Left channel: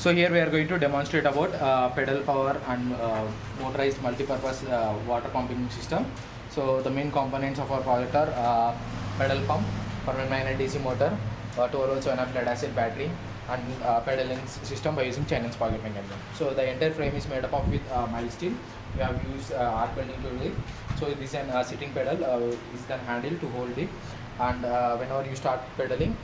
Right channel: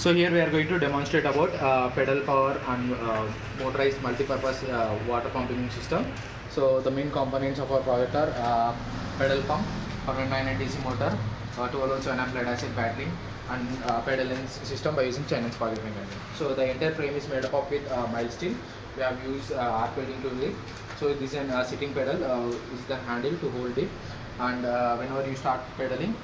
So here we are going to demonstrate about pedal power and motorized multi-purpose water pumping system. So the main components of our project are pedal pump, permanent magnet DC motor, 12-7 amp lead acid battery, and pedaling system by using chain and spark mechanism. So the entire frame is made up of with mild steel. We have used arc welding to do it. So this is a sitting pedal is the handle to hold it, and whenever you start pedaling,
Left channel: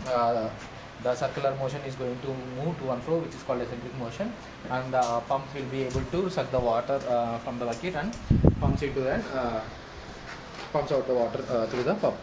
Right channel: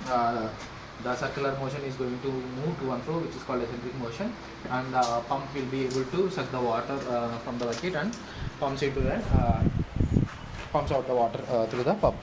the circular motion is going to move to and fro, which is called eccentric motion, and the pump will be able to suck the water from the bucket and pumps out the water through the pump.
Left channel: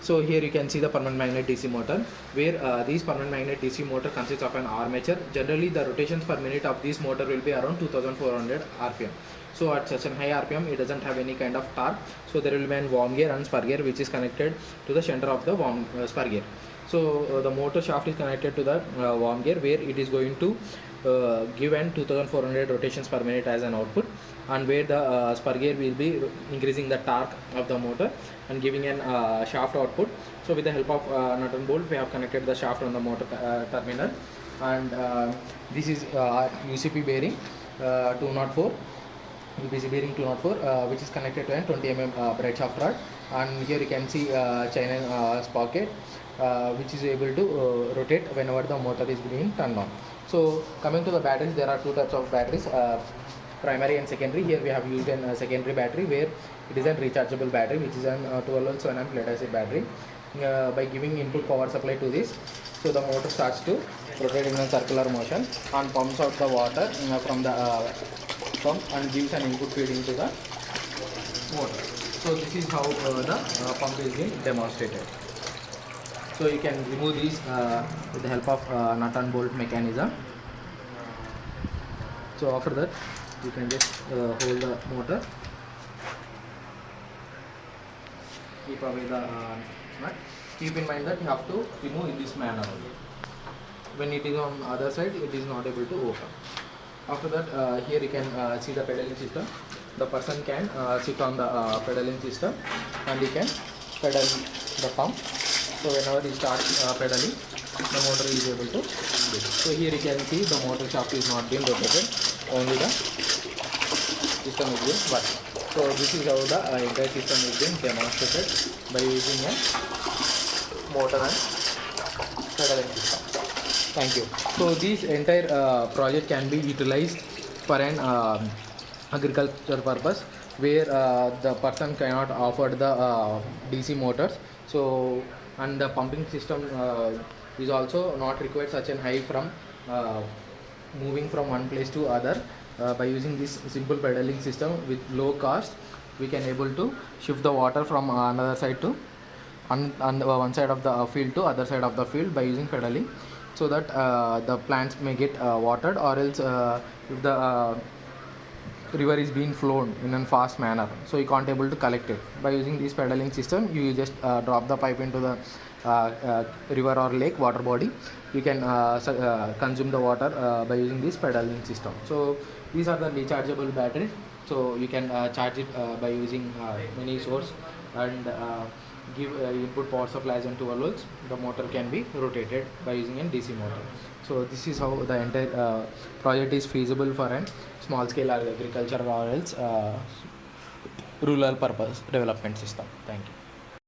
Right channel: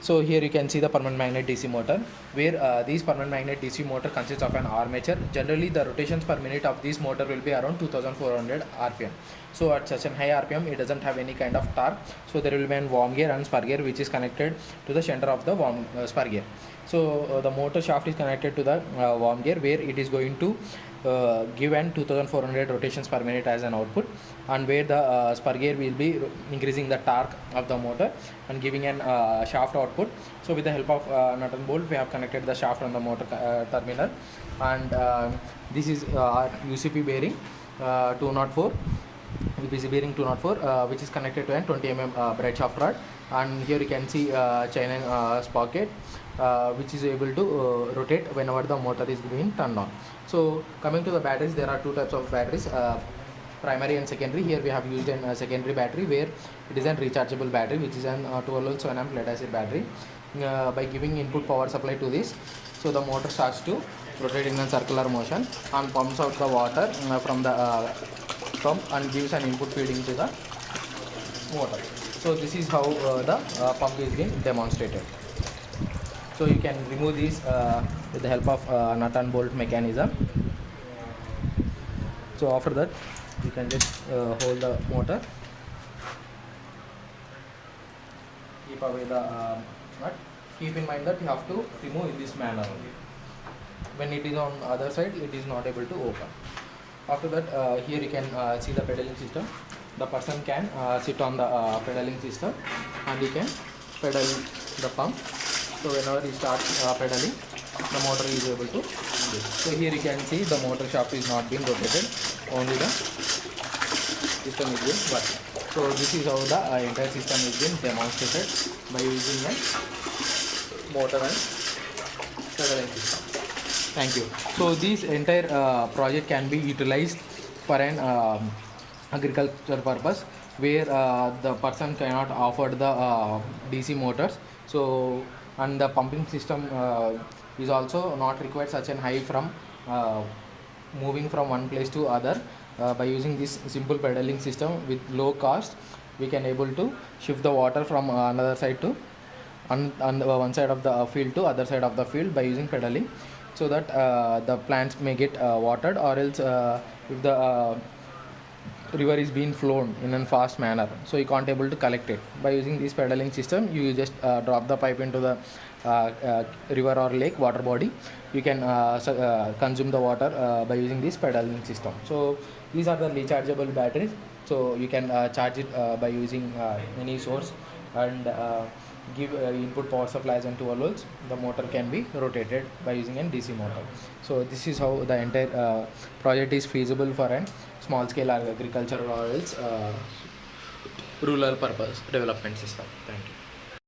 So here you can see the permanent magnet DC motor, where these permanent magnet DC motor consists of an armature. Generally, the rotations per minute of this motor will be around 2400 RPM. So at such a high RPM, it doesn't have any kind of torque. So there will be a worm gear and spur gear which is connected to the center of the spur gear. So the motor shaft is connected to the worm gear, where it is going to give an 2400 rotations per minute as an output, and where the spur gear will be increasing the torque of the motor and giving an shaft output. So with the help of nut and bolt, we have connected the shaft on the motor terminal, and this is UCP bearing 204. UPC bearing 204, which is connected to a 20 mm braid shaft rod, and here you can see chain and sprocket, which is able to rotate whenever the motor is being turned on. So coming to the batteries, there are two types of batteries, primary and secondary. Here we have used a secondary battery, where it is a rechargeable battery, which is an 12-7 amp lead acid battery. By giving input power supply to this, so the motor starts to rotate in a circular motion and pumps out the water from the pump and gives an input feeding to the motor. So this is how the pump is being demonstrated. So you can remove these with the help of nut and bolt mechanism. So after that, you can just hold the motor, keep away the nut. Keep in mind that you have to remove in this manner. When it is on the other side, it is not able to open. After that, here you can see the pedaling system. The person can sit on the pedaling system, and you can pedal the pump. So whenever you start pedaling, the motor is able to do. So here you can see the motor shaft is not being rotated, only the system is being working. So this is how the entire system is being demonstrated by using a motor and pedaling system. Thank you. So this entire project can be utilized for an agriculture purpose, where the person cannot afford the DC motors. So and the pumping system is also not required such an high from moving from one place to other. By using this simple pedaling system with low cost, we can able to shift the water from another side to on one side of the field to other side of the field by using pedaling, so that the plants may get watered, or else if the river is being flown in a fast manner, so you can't able to collect it. By using this pedaling system, you just drop the pipe into the river or lake water body. You can consume the water by using this pedaling system. So these are the rechargeable batteries, so you can charge it by using any source, and give input power supply as on 12 volts. The motor can be rotated by using a DC motor. So this is how the entire project is feasible for a small scale agriculture or else rural purpose development system. Thank you.